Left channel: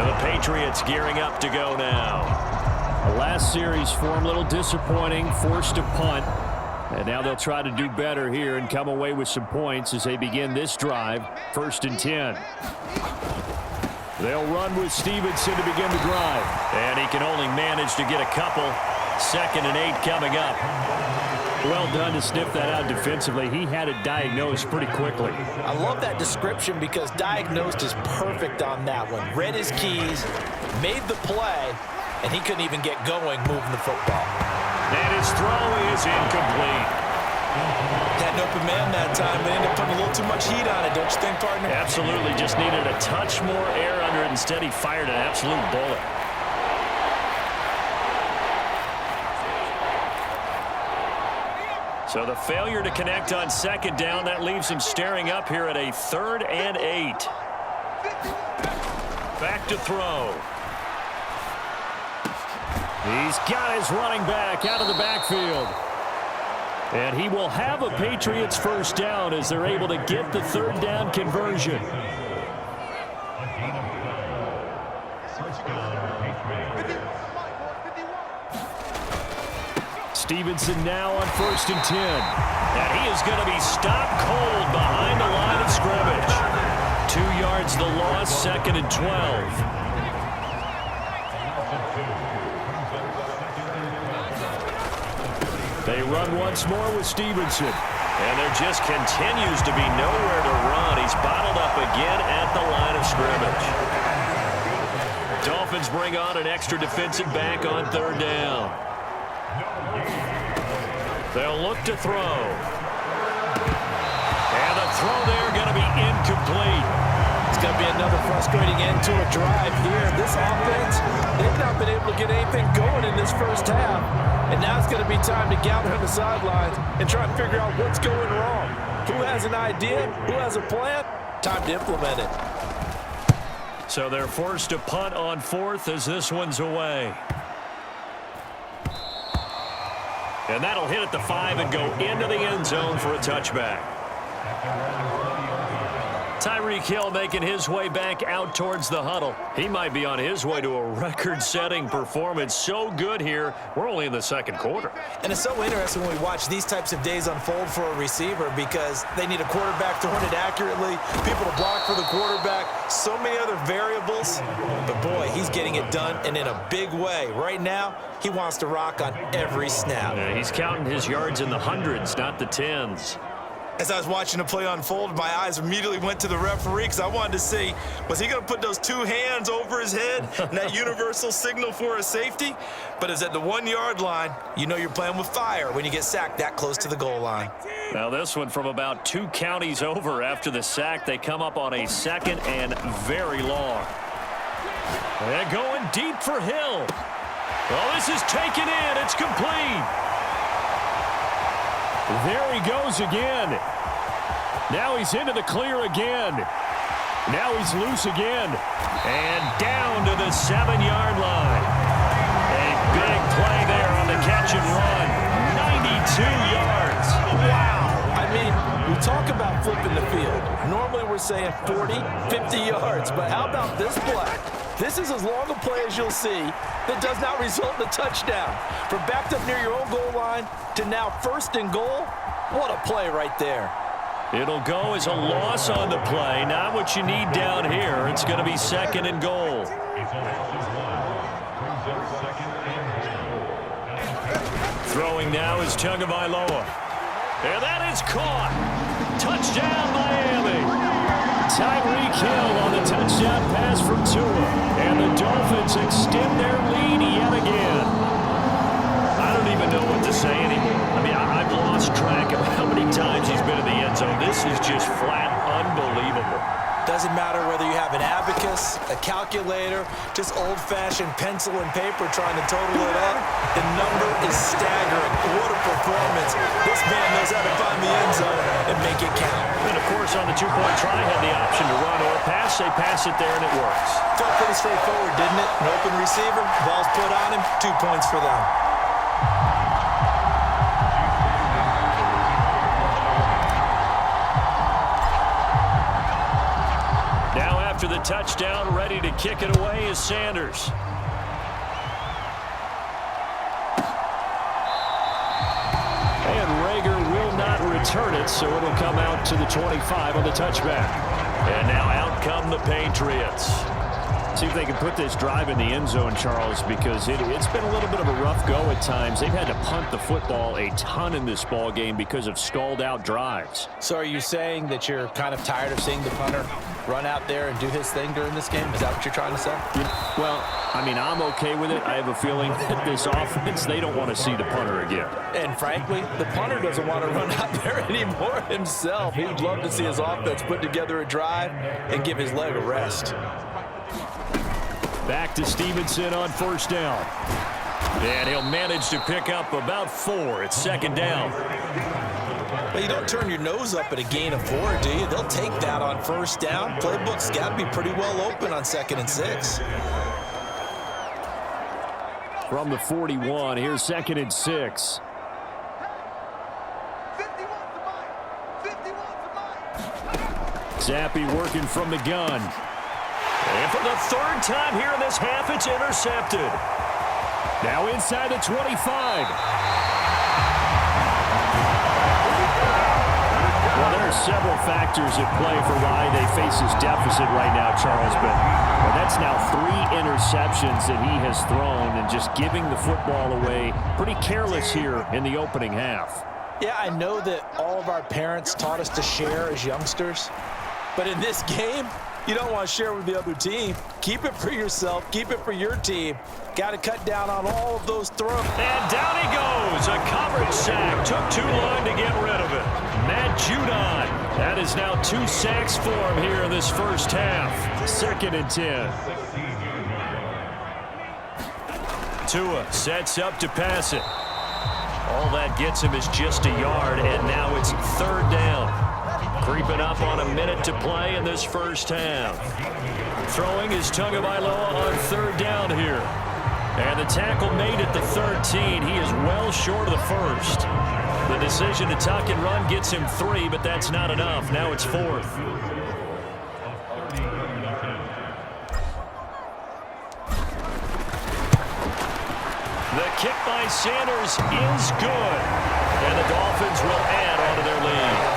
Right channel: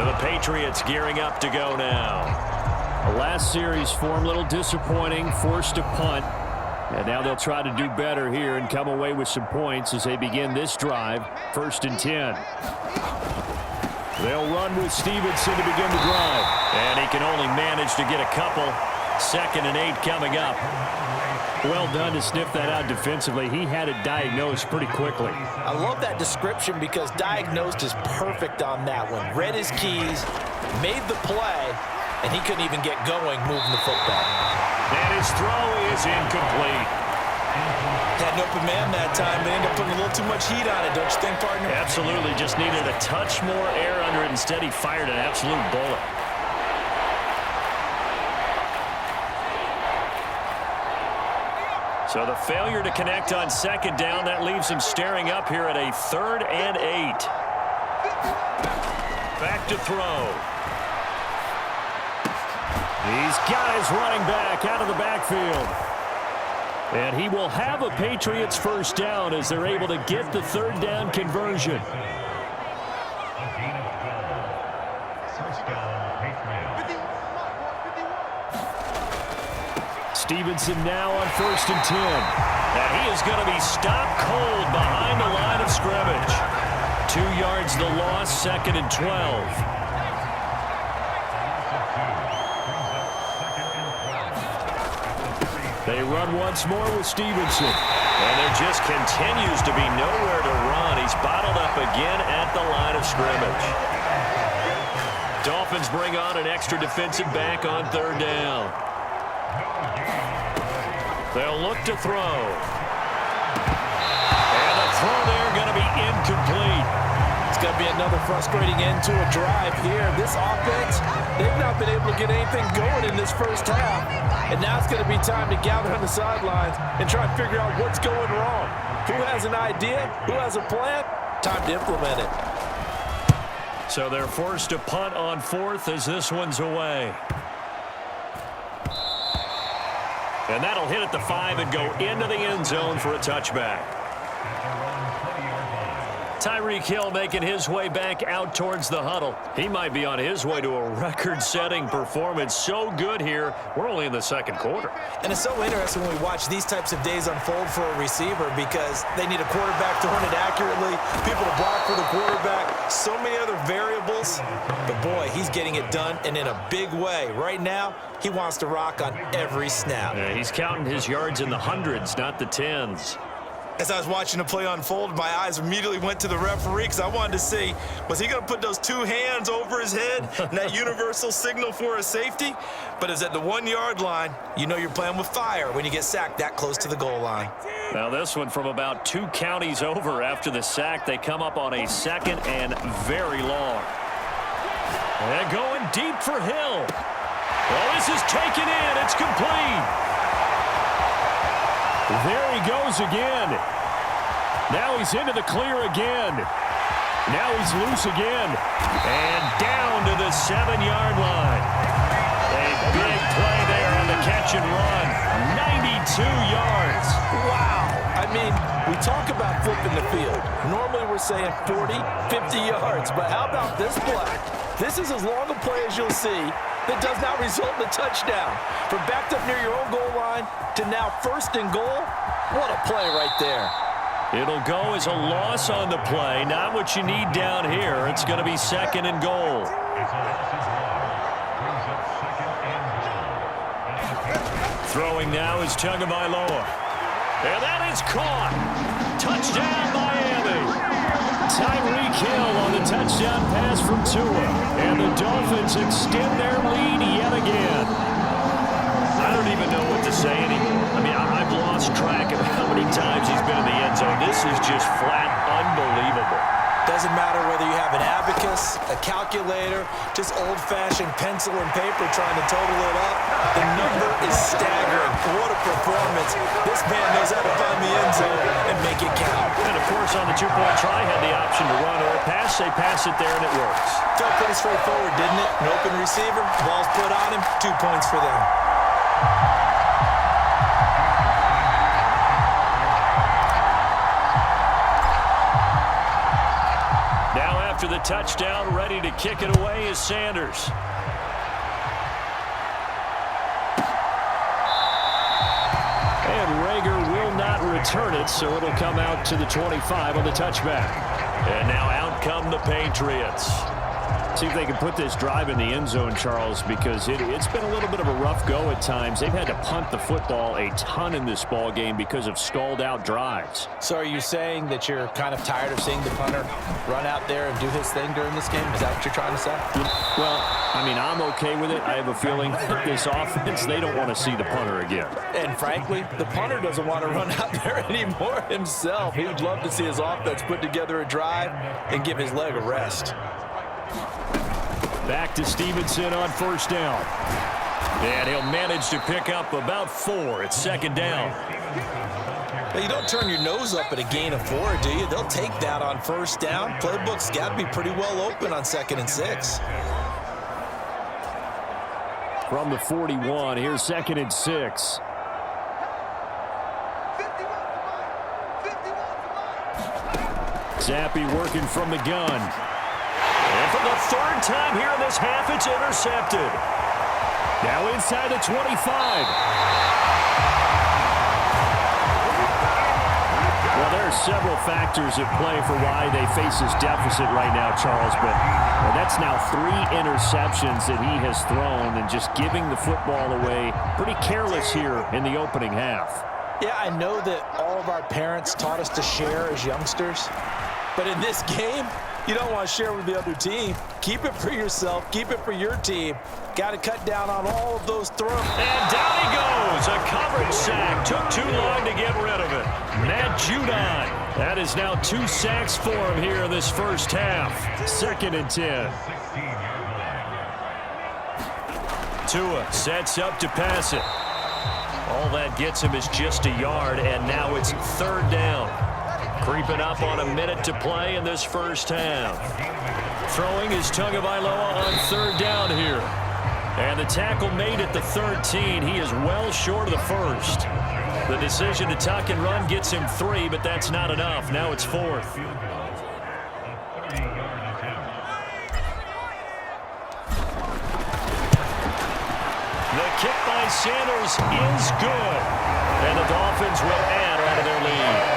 And the Patriots gearing up to go now. The last series form a little disappointing, forced to punt. And now they'll try to do better here and come away with some points as they begin this drive. 1st and 10. They'll run with Stevenson to begin the drive. And he can only manage to get a couple. 2nd and 8 coming up. Well done to sniff that out defensively. He had it diagnosed pretty quickly. I love that description because diagnosed is perfect on that one. Read his keys, made the play, and he couldn't even get going moving the football. And his throw is incomplete. Had an open man that time, but ended up putting a little too much heat on it, don't you think, partner? Absolutely. Just needed a touch more air under it. Instead, he fired an absolute bullet. So the failure to connect on 2nd down, that leaves him staring up here at a 3rd and 8. Back to throw. He's got his running back out of the backfield. And he will have a Patriots 1st down as they're able to get the 3rd down conversion. Stevenson now on 1st and 10. And he is going to be stopped cold behind the line of scrimmage. 2 yards the loss, 2nd and 12. They run once more with Stevenson. And there just continues to be nowhere to run. He's bottled up again at the line of scrimmage. Dolphins bring on an extra defensive back on 3rd down. They'll look to throw. And the throw there going to be incomplete. It's going to be another frustrating end to a drive here. This offense, they've not been able to get anything going in this 1st half. And now it's going to be time to gather on the sidelines and try and figure out what's going wrong. Who has an idea? Who has a plan? Time to implement it. So they're forced to punt on 4th as this one's away. And that'll hit at the 5 and go into the end zone for a touchback. Tyreek Hill making his way back out towards the huddle. He might be on his way to a record-setting performance. So good here. We're only in the 2nd quarter. And it's so interesting when we watch these types of days unfold for a receiver because they need a quarterback throwing it accurately, people to block for the quarterback, so many other variables. But, boy, he's getting it done and in a big way. Right now, he wants to rock on every snap. Yeah, he's counting his yards in the hundreds, not the tens. As I was watching the play unfold, my eyes immediately went to the referee because I wanted to see, was he going to put those 2 hands over his head and that universal signal for a safety? But it's at the 1-yard line. You know you're playing with fire when you get sacked that close to the goal line. Now this one from about 2 counties over after the sack. They come up on a 2nd and very long. And going deep for Hill. Well, this is taken in. It's complete. There he goes again. Now he's into the clear again. Now he's loose again. And down to the 7-yard line. A big play there on the catch and run. 92 yards. Wow. I mean, we talk about flipping the field. Normally we're saying 40, 50 yards. But how about this play? This is as long a play as you'll see that does not result in a touchdown. From backed up near your own goal line to now 1st and goal, what a play right there. It'll go as a loss on the play. Not what you need down here. It's going to be 2nd and goal. Throwing now is Tagovailoa. And that is caught. Touchdown, Miami. Tyreek Hill on the touchdown pass from Tua. And the Dolphins extend their lead yet again. I don't even know what to say anymore. I mean, I've lost track of how many times he's been in the end zone. This is just flat unbelievable. Doesn't matter whether you have an abacus, a calculator, just old-fashioned pencil and paper trying to total it up. The number is staggering. What a performance. This man knows how to find the end zone and make it count. And, of course, on the 2-point try, had the option to run or pass. They pass it there, and it works. Felt pretty straightforward, didn't it? An open receiver, ball's put on him, 2 points for them. After the touchdown. Ready to kick it away is Sanders. And Rager will not return it, so it'll come out to the 25 on the touchback. And now out come the Patriots. See if they can put this drive in the end zone, Charles, because it's been a little bit of a rough go at times. They've had to punt the football a ton in this ball game because of stalled-out drives. So are you saying that you're kind of tired of seeing the punter run out there and do his thing during this game? Is that what you're trying to say? Well, I mean, I'm okay with it. I have a feeling that this offense, they don't want to see the punter again. And frankly, the punter doesn't want to run out there anymore himself. He would love to see his offense put together a drive and give his leg a rest. Back to Stevenson on first down. And he'll manage to pick up about 4. It's second down. But you don't turn your nose up at a gain of 4, do you? They'll take that on first down. Playbook's got to be pretty well open on 2nd and 6. From the 41, here's 2nd and 6. Zappi working from the gun. And for the 3rd time here in this half, it's intercepted. Now inside the 25. Well, there are several factors at play for why they face this deficit right now, Charles, but that's now 3 interceptions that he has thrown and just giving the football away. Pretty careless here in the opening half. Yeah, I know that all of our parents taught us to share as youngsters, but in this game, you don't want to share with the other team. Keep it for yourself. Keep it for your team. Got to cut down on all of those throws. And down he goes. A coverage sack. Took too long to get rid of it. Matt Judon. That is now 2 sacks for him here in this first half. 2nd and 10. Tua sets up to pass it. All that gets him is just a yard, and now it's 3rd down. Creeping up on a minute to play in this first half. Throwing is Tagovailoa on 3rd down here. And the tackle made at the 13. He is well short of the 1st. The decision to tuck and run gets him 3, but that's not enough. Now it's 4th. The kick by Sanders is good. And the Dolphins will add on to their lead.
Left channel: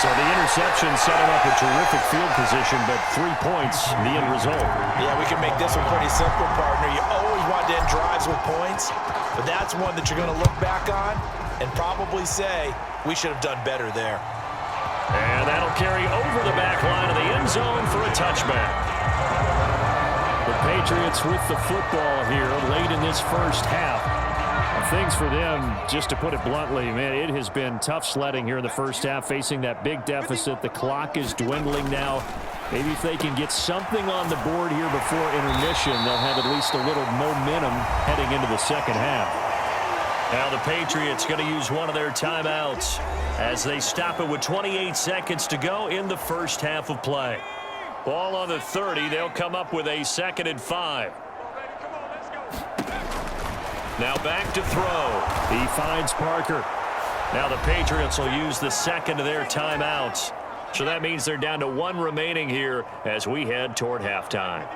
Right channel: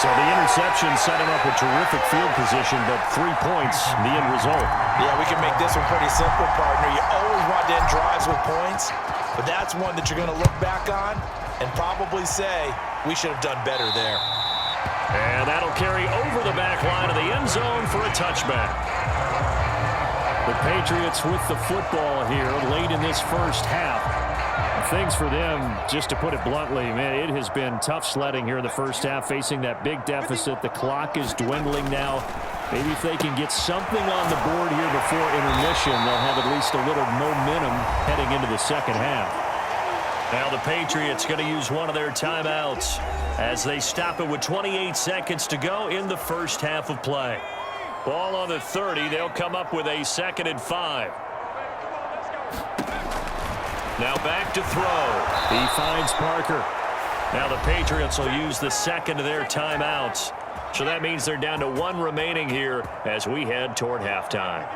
So the interception set him up with terrific field position, but 3 points, the end result. Yeah, we can make this one pretty simple, partner. You always want to end drives with points, but that's one that you're going to look back on and probably say, we should have done better there. And that'll carry over the back line of the end zone for a touchback. The Patriots with the football here late in this first half. Things for them, just to put it bluntly, man, it has been tough sledding here in the first half, facing that big deficit. The clock is dwindling now. Maybe if they can get something on the board here before intermission, they'll have at least a little momentum heading into the second half. Now the Patriots going to use one of their timeouts as they stop it with 28 seconds to go in the first half of play. Ball on the 30. They'll come up with a 2nd and 5. Now back to throw. He finds Parker. Now the Patriots will use the 2nd of their timeouts. So that means they're down to 1 remaining here as we head toward halftime.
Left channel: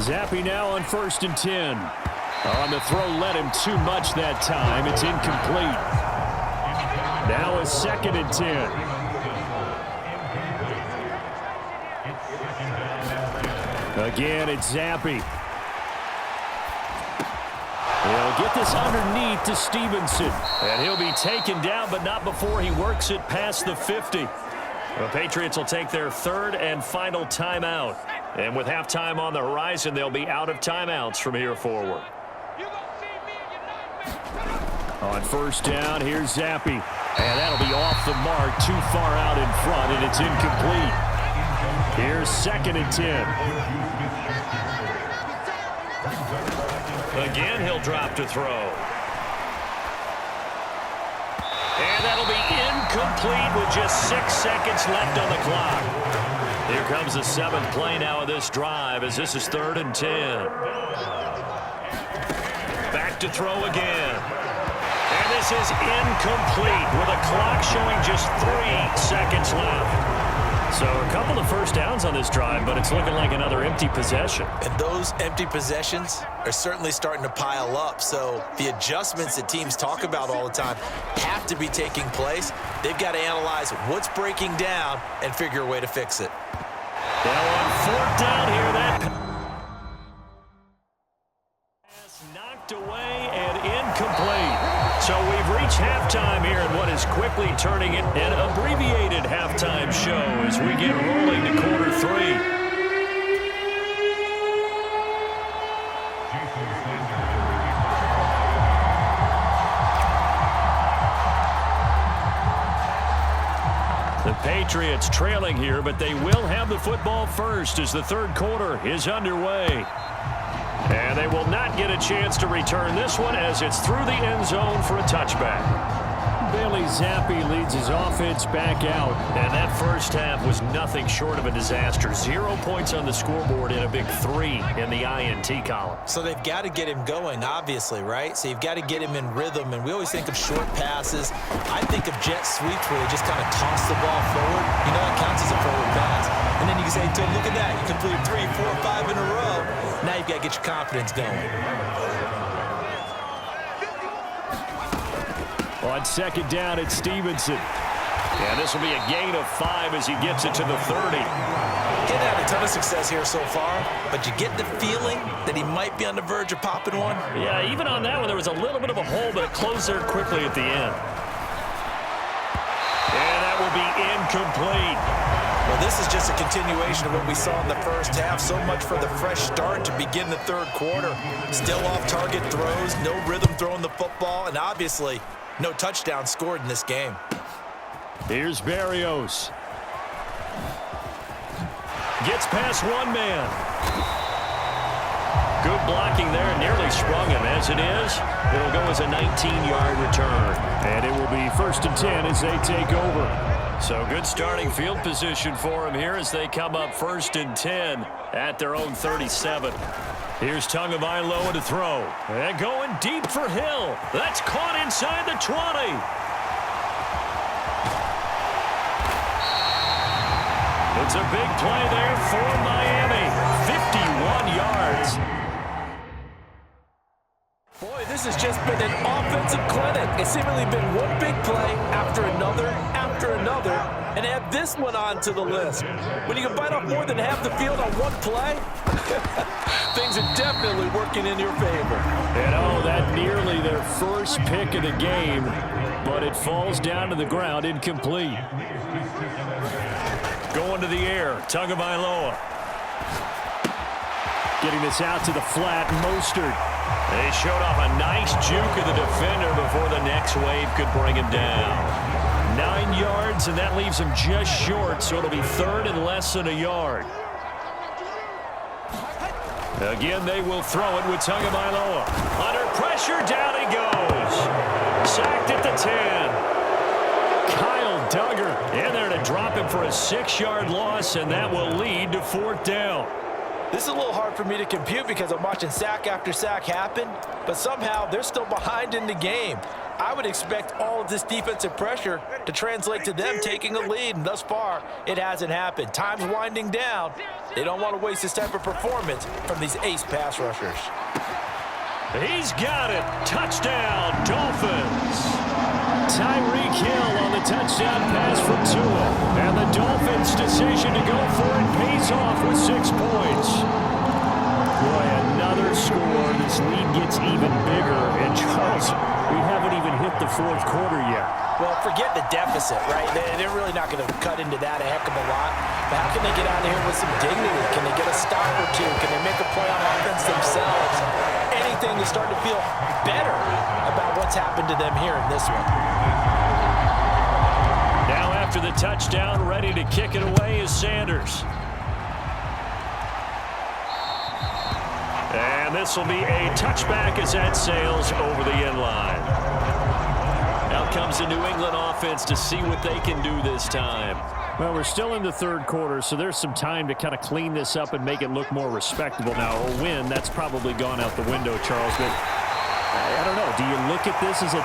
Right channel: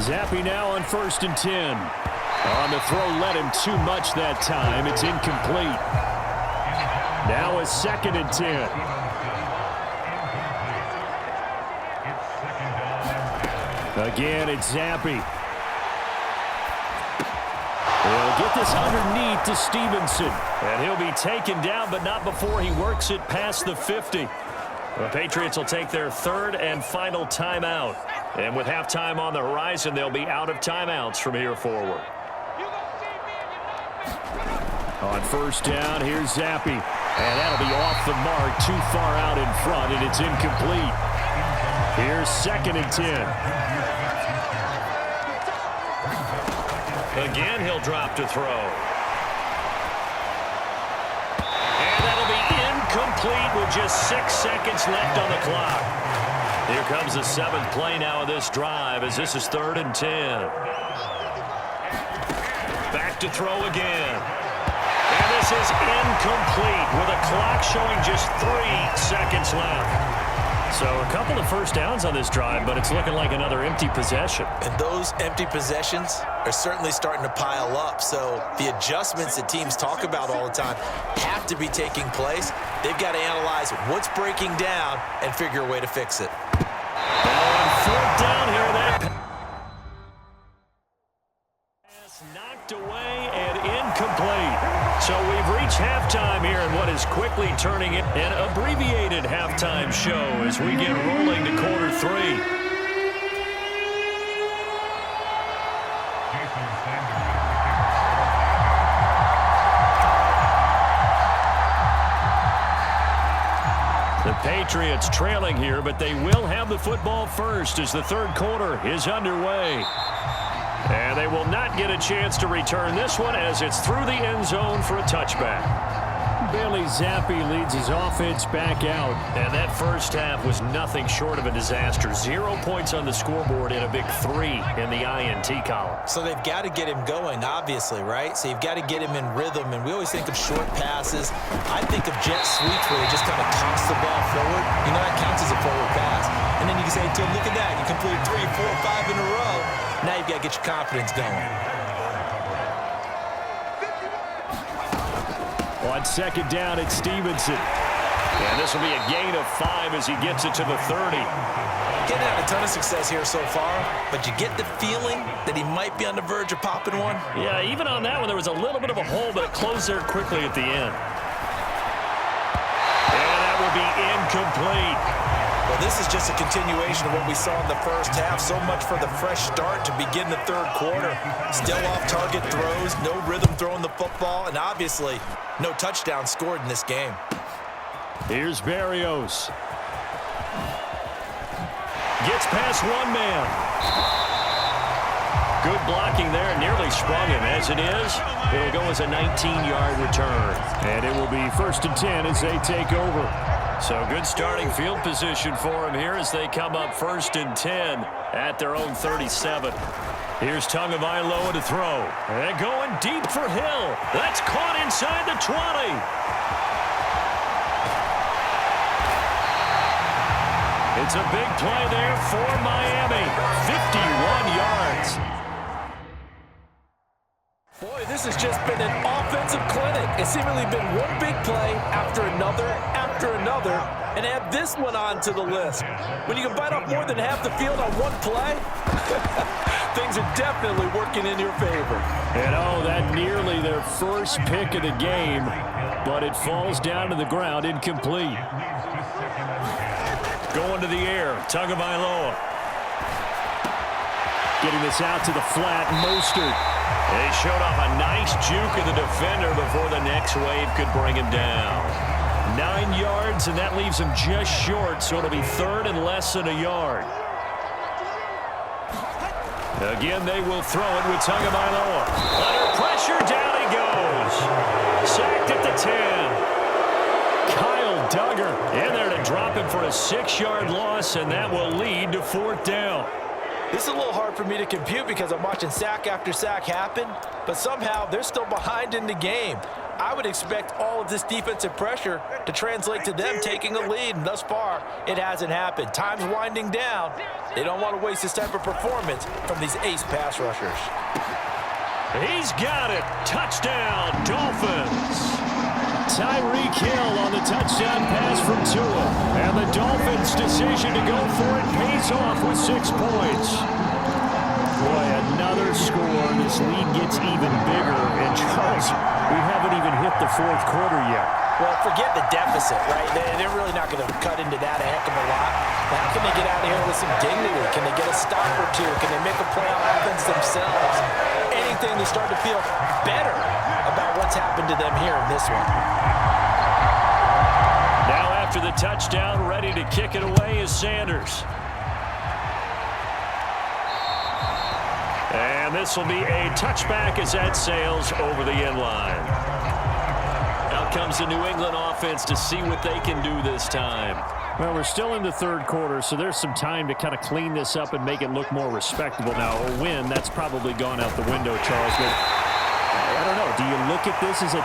Zappi now on 1st and 10. On the throw, led him too much that time. It's incomplete. Now a 2nd and 10. Again, it's Zappi. He'll get this underneath to Stevenson. And he'll be taken down, but not before he works it past the 50. The Patriots will take their 3rd and final timeout. And with halftime on the horizon, they'll be out of timeouts from here forward. On 1st down, here's Zappi. And that'll be off the mark, too far out in front, and it's incomplete. Here's 2nd and 10. Again, he'll drop to throw. And that'll be incomplete with just 6 seconds left on the clock. Here comes the 7th play now of this drive as this is 3rd and 10. Back to throw again. And this is incomplete with a clock showing just 3 seconds left. So a couple of first downs on this drive, but it's looking like another empty possession. And those empty possessions are certainly starting to pile up. So the adjustments that teams talk about all the time have to be taking place. They've got to analyze what's breaking down and figure a way to fix it. Now on 4th down here, that pass knocked away and incomplete. So we've reached halftime here in what is quickly turning it an abbreviated halftime show as we get rolling to quarter 3. The Patriots trailing here, but they will have the football first as the third quarter is underway. And they will not get a chance to return this one as it's through the end zone for a touchback. Bailey Zappi leads his offense back out. And that first half was nothing short of a disaster. 0 points on the scoreboard and a big 3 in the INT column. So they've got to get him going, obviously, right? So you've got to get him in rhythm. And we always think of short passes. I think of jet sweeps where they just kind of toss the ball forward. You know, that counts as a forward pass. And then you can say, look at that. You completed 3, 4, 5 in a row. Now you've got to get your confidence going. On second down, it's Stevenson. And this will be a gain of 5 as he gets it to the 30. He hasn't had a ton of success here so far, but you get the feeling that he might be on the verge of popping one. Yeah, even on that one, there was a little bit of a hole, but it closed there quickly at the end. And that will be incomplete. Well, this is just a continuation of what we saw in the first half. So much for the fresh start to begin the third quarter. Still off-target throws, no rhythm throwing the football, and obviously no touchdown scored in this game. Here's Berrios. Gets past one man. Good blocking there, nearly sprung him. As it is, it'll go as a 19-yard return. And it will be 1st and 10 as they take over. So good starting field position for him here as they come up 1st and 10 at their own 37. Here's Tagovailoa to throw. And going deep for Hill. That's caught inside the 20. It's a big play there for Miami. 51 yards. Boy, this has just been an offensive clinic. It's seemingly been one big play after another, and add this one on to the list. When you can bite off more than half the field on one play, things are definitely working in your favor. And that nearly their first pick of the game, but it falls down to the ground incomplete. Going to the air, Tagovailoa. Getting this out to the flat, Mostert. They showed off a nice juke of the defender before the next wave could bring him down. 9 yards, and that leaves him just short, so it'll be 3rd and less than a yard. Again, they will throw it with Tagovailoa. Under pressure, down he goes. Sacked at the 10. Kyle Duggar in there to drop him for a 6-yard loss, and that will lead to 4th down. This is a little hard for me to compute because I'm watching sack after sack happen, but somehow they're still behind in the game. I would expect all of this defensive pressure to translate to them taking a lead, and thus far, it hasn't happened. Time's winding down. They don't want to waste this type of performance from these ace pass rushers. He's got it. Touchdown, Dolphins. Tyreek Hill on the touchdown pass from Tua. And the Dolphins' decision to go for it pays off with 6 points. Boy, another score. This lead gets even bigger. And Charles, we haven't even hit the 4th quarter yet. Well, forget the deficit, right? They're really not going to cut into that a heck of a lot. But how can they get out of here with some dignity? Can they get a stop or two? Can they make a play on offense themselves? Anything to start to feel better about what's happened to them here in this one. Now after the touchdown, ready to kick it away is Sanders. And this will be a touchback as that sails over the end line. Out comes the New England offense to see what they can do this time. Well, we're still in the 3rd quarter, so there's some time to kind of clean this up and make it look more respectable. Now, a win, that's probably gone out the window, Charles, but I don't know. Do you look at this as a